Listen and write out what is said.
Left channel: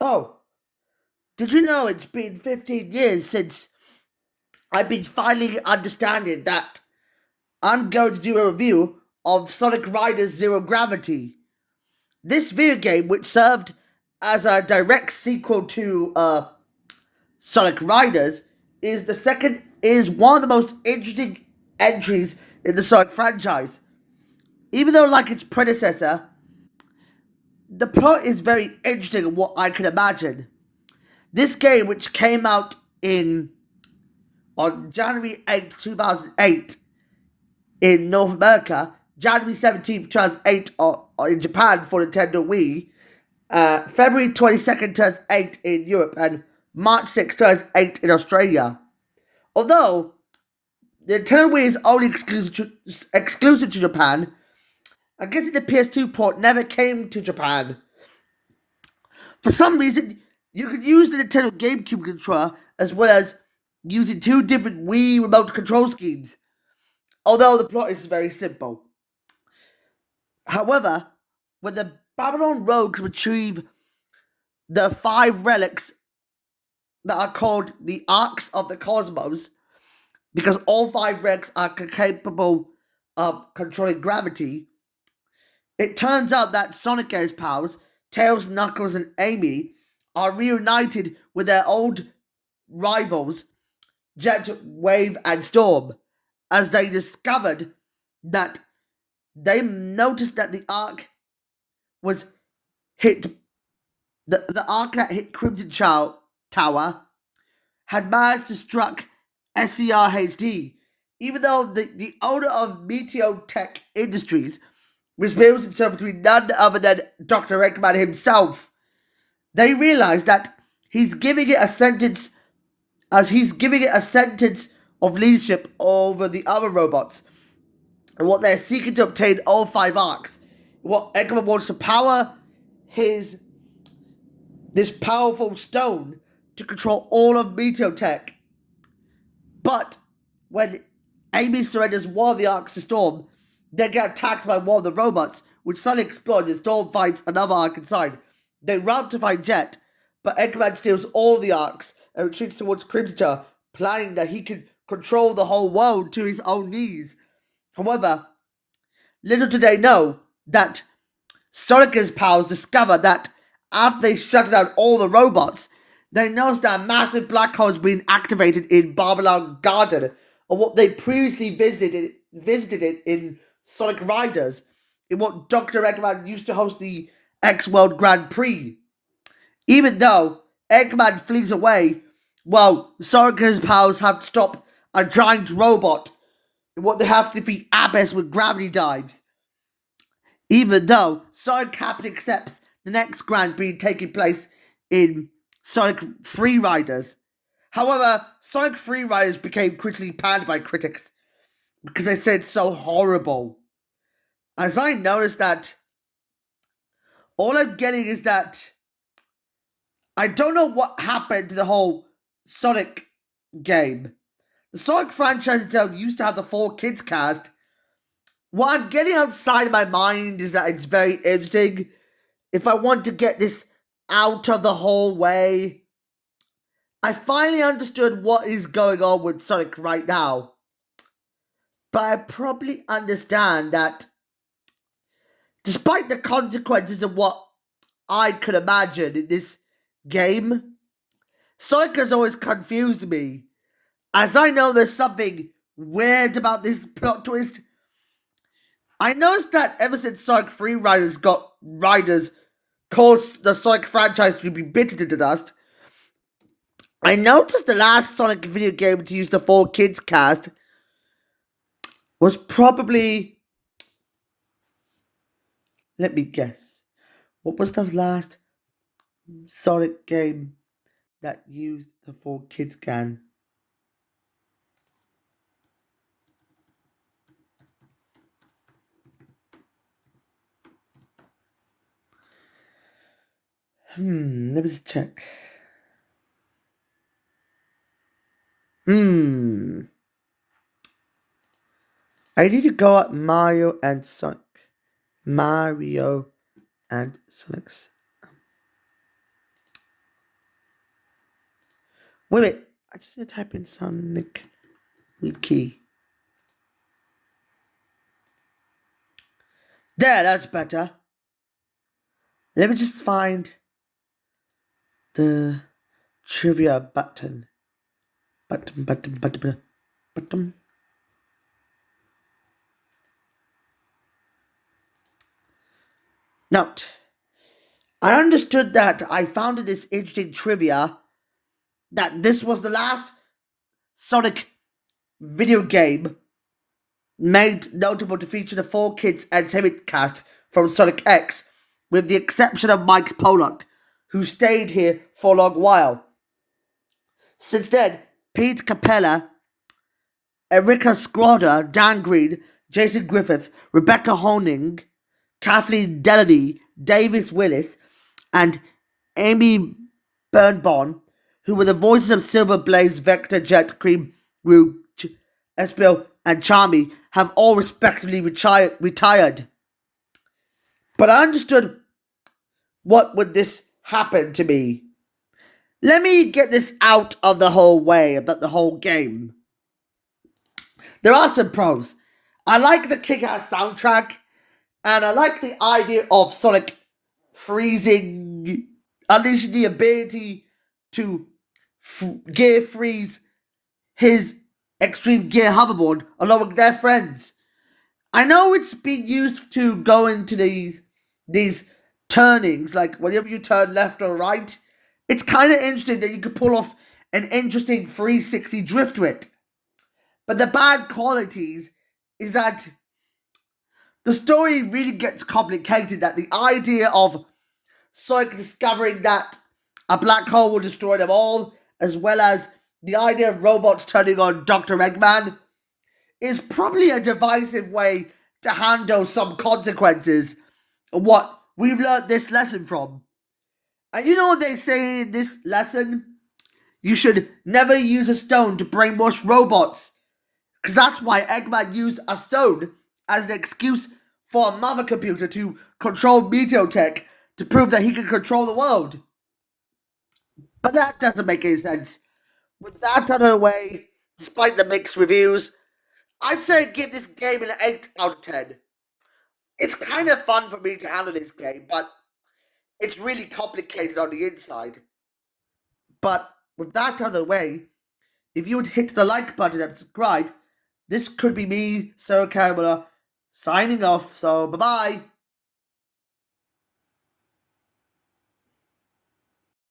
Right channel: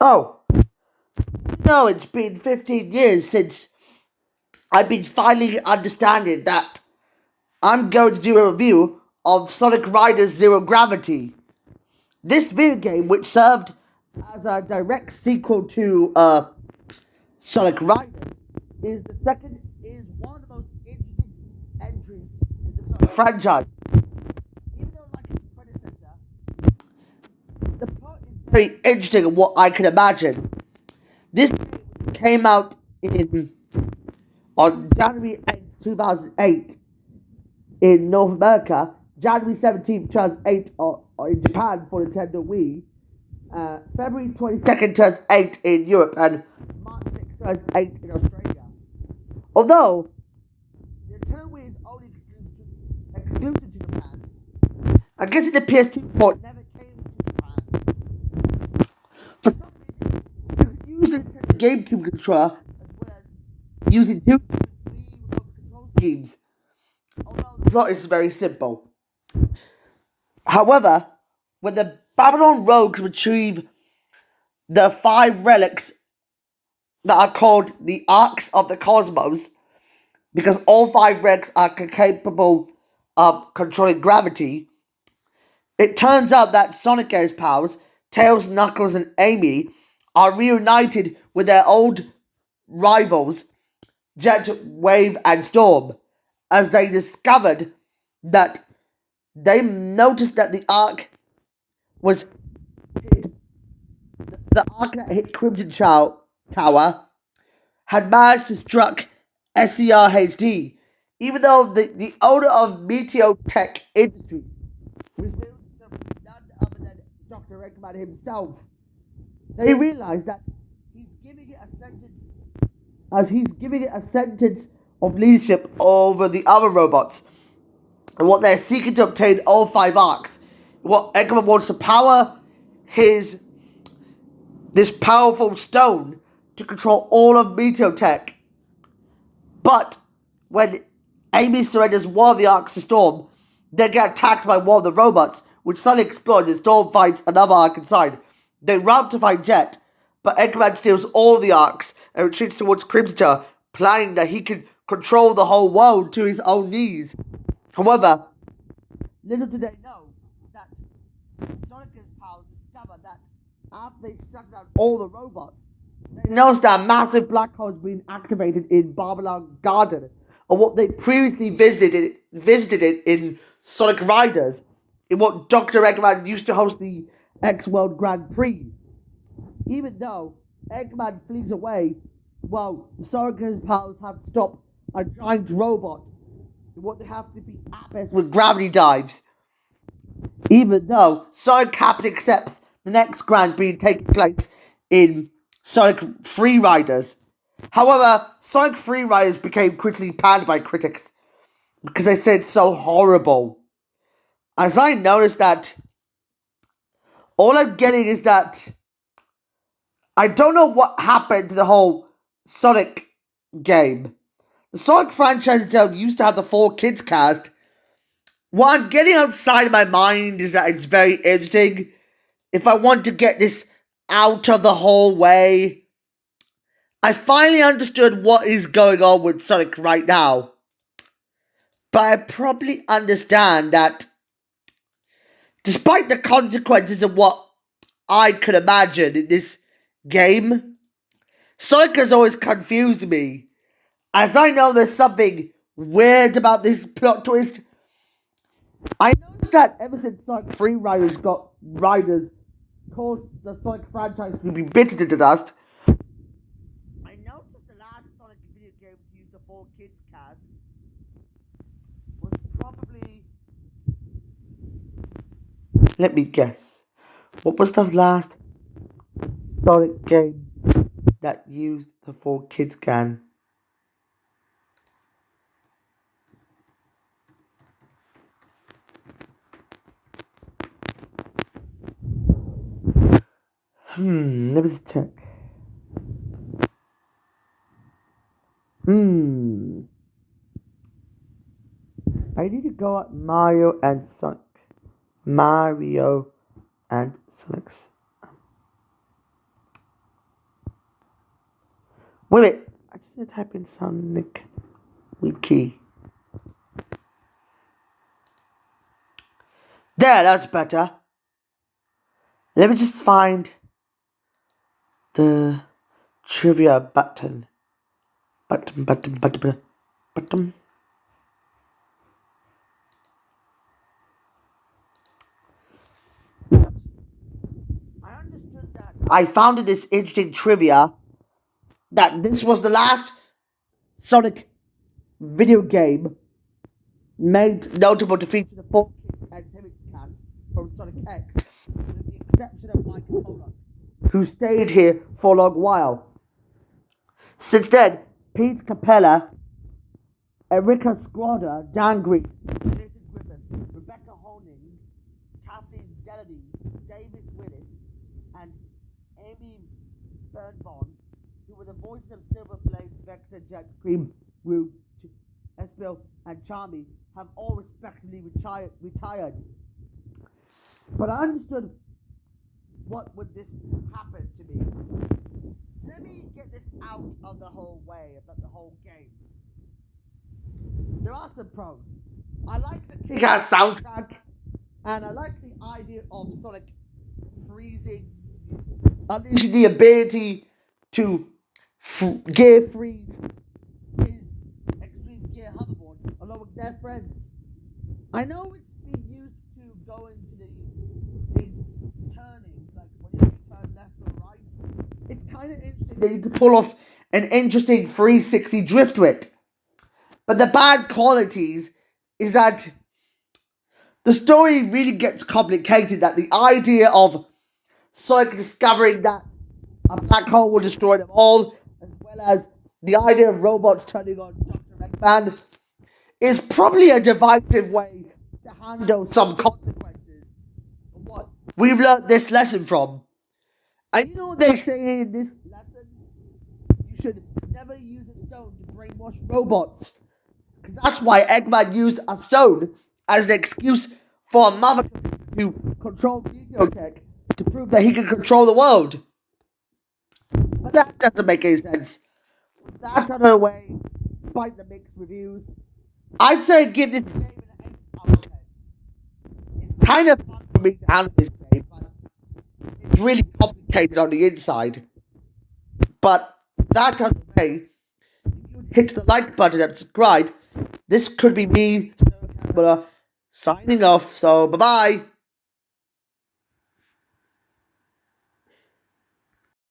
Oh, did you know it's been 15 years since I've been finally understanding that I'm going to do a review of Sonic Riders Zero Gravity. This video game, which served as a direct sequel to Sonic Riders, is one of the most interesting entries in the Sonic franchise. Even though, like its predecessor, the plot is very interesting in what I can imagine. This game, which came out in on January 8th, 2008 in North America, January 17th, 2008 in Japan for Nintendo Wii, February 22nd, 2008 in Europe, and March 6th, 2008 in Australia. Although the Nintendo Wii is only exclusive to Japan, I guess the PS2 port never came to Japan. For some reason, you could use the Nintendo GameCube controller as well as using two different Wii remote control schemes, although the plot is very simple. However, when the Babylon Rogues retrieve the five relics that are called the Arcs of the Cosmos, because all five relics are capable of controlling gravity, it turns out that Sonic and his pals, Tails, Knuckles, and Amy, are reunited with their old rivals, Jet, Wave, and Storm, as they discovered that they noticed that the arc was hit. The arc that hit Crimson Tower had managed to struck SCR-HD, even though the owner of Meteor Tech Industries reveals himself to be none other than Dr. Eggman himself. They realize that he's giving it a sentence of leadership over the other robots, and what they're seeking to obtain all five arcs. What Eggman wants to power this powerful stone to control all of Meteor Tech. But when Amy surrenders one of the arcs to Storm, they get attacked by one of the robots, which suddenly explodes and Storm finds another arc inside. They run to find Jet, but Eggman steals all the arcs and retreats towards Crimson Tower, planning that he can control the whole world to his own needs. However, little do they know that Sonic and his pals discover that after they shut down all the robots, they notice that a massive black hole is being activated in Babylon Garden, or what they previously visited in Sonic Riders, in what Dr. Eggman used to host the X-World Grand Prix. Even though Eggman flees away, while Sonic and his pals have to stop a giant robot, in what they have to defeat Abyss with gravity dives. Even though Sonic Captain accepts the next Grand Prix taking place in Sonic Free Riders. However, Sonic Free Riders became critically panned by critics because they said it's so horrible. As I noticed that all I'm getting is that I don't know what happened to the whole Sonic game. The Sonic franchise itself used to have the 4Kids cast. What I'm getting outside of my mind is that it's very interesting. If I want to get this out of the whole way, I finally understood what is going on with Sonic right now. But I probably understand that despite the consequences of what I could imagine in this game, Sonic has always confused me. As I know there's something weird about this plot twist, I noticed that ever since Sonic Free Riders caused the Sonic franchise to be bitten to dust, I noticed the last Sonic video game to use the 4Kids cast was probably... Let me guess. What was the last Sonic game that used the 4Kids cast? Let me just check. I need to go at Mario and Sonic. Mario and Sonic's. Wait a minute. I just need to type in Sonic Wiki. There, that's better. Let me just find the trivia button. Button. Note. I understood that I found this interesting trivia that this was the last Sonic video game made notable to feature the 4Kids Entertainment cast from Sonic X, with the exception of Mike Pollock, who stayed here for a long while. Since then, Pete Capella, Erika Skroda, Dan Green, Jason Griffith, Rebecca Honing, Kathleen Delaney, Davis Willis, and Amy Birnbaum, who were the voices of Silver Blaze, Vector, Jet, Cream, Rouge, Espio, and Charmy, have all respectively retired. But I understood what would this happen to me. Let me get this out of the whole way about the whole game. There are some pros. I like the kick-ass soundtrack, and I like the idea of Sonic freezing, unleashing the ability to gear freeze his Extreme Gear hoverboard along with their friends. I know it's been used to go into these turnings, like whenever you turn left or right. It's kind of interesting that you could pull off an interesting 360 drift with it. But the bad qualities is that the story really gets complicated, that the idea of Sonic discovering that a black hole will destroy them all, as well as the idea of robots turning on Dr. Eggman, is probably a divisive way to handle some consequences of what we've learned this lesson from. And you know what they say in this lesson? You should never use a stone to brainwash robots. Because that's why Eggman used a stone as an excuse for a mother computer to control Meteotech to prove that he can control the world. But that doesn't make any sense. With that out of the way, despite the mixed reviews, I'd say give this game an 8 out of 10. It's kind of fun for me to handle this game, but it's really complicated on the inside. But with that out of the way, if you would hit the like button and subscribe, this could be me, Sir Caramella, signing off. So, bye-bye.